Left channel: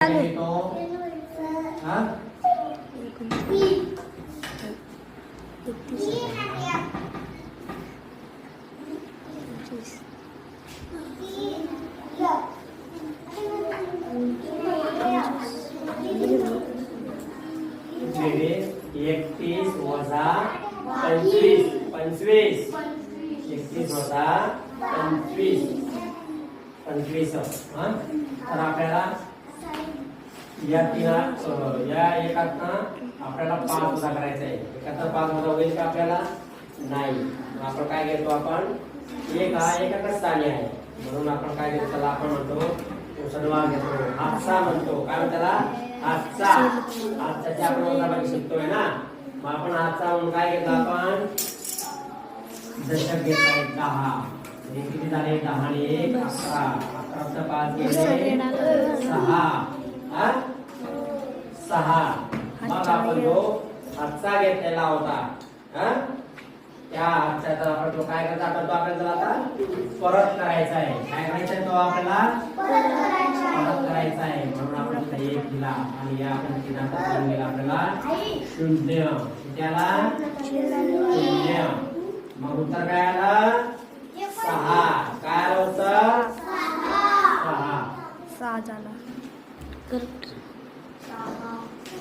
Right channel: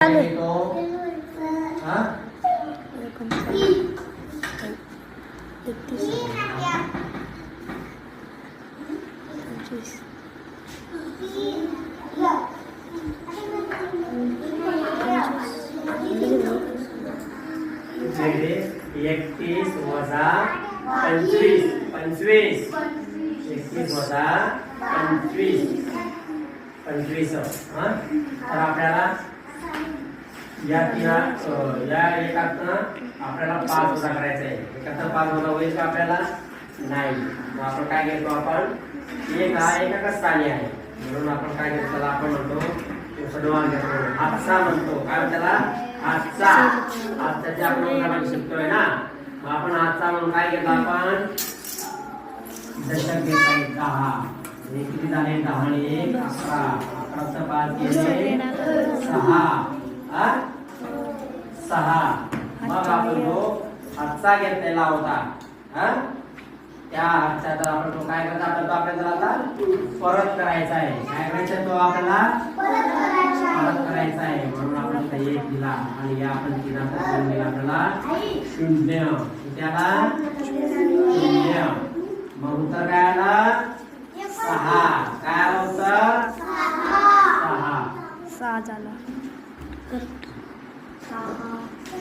चालू हाँ 31 31 वजा 25 25 31 वजा 25 हाँ तर आपल्याला या एकातनं आपल्याला 5 वजा करायचं आहे. एकातनं 5 वजा होईल का आपल्याला नाही. मग आपण काय घेतो आपण एक हा एकाच स्थानी आहे म्हणून आपण काय घेतो त्याला आपण म्हणतो सडवा घेतो हातचा म्हणतो काय त्याला हातचा हातचा आपण उदाहरण शिकतोय ना. मग आपण हातचा म्हणून काय घेतो आपण दशक घेत आहे 10 हे किती झाले 10 आणि 1 11 11चा 5 गेले 6 मग आपण जो हातचा घेतलेला होता त्या हातचा आपण तो काय करता आपण तो आपल्याला आता परत करायचा आहे. काय करायचं तो आपल्याला परत करायचा आहे म्हणून आपण इथे 1 दिला आणि या आपण 3 आता 3 दिला आपल्याला 0 त्याला 0 मग उत्तर काय आला 6 काय आलं उत्तर 6 झाला.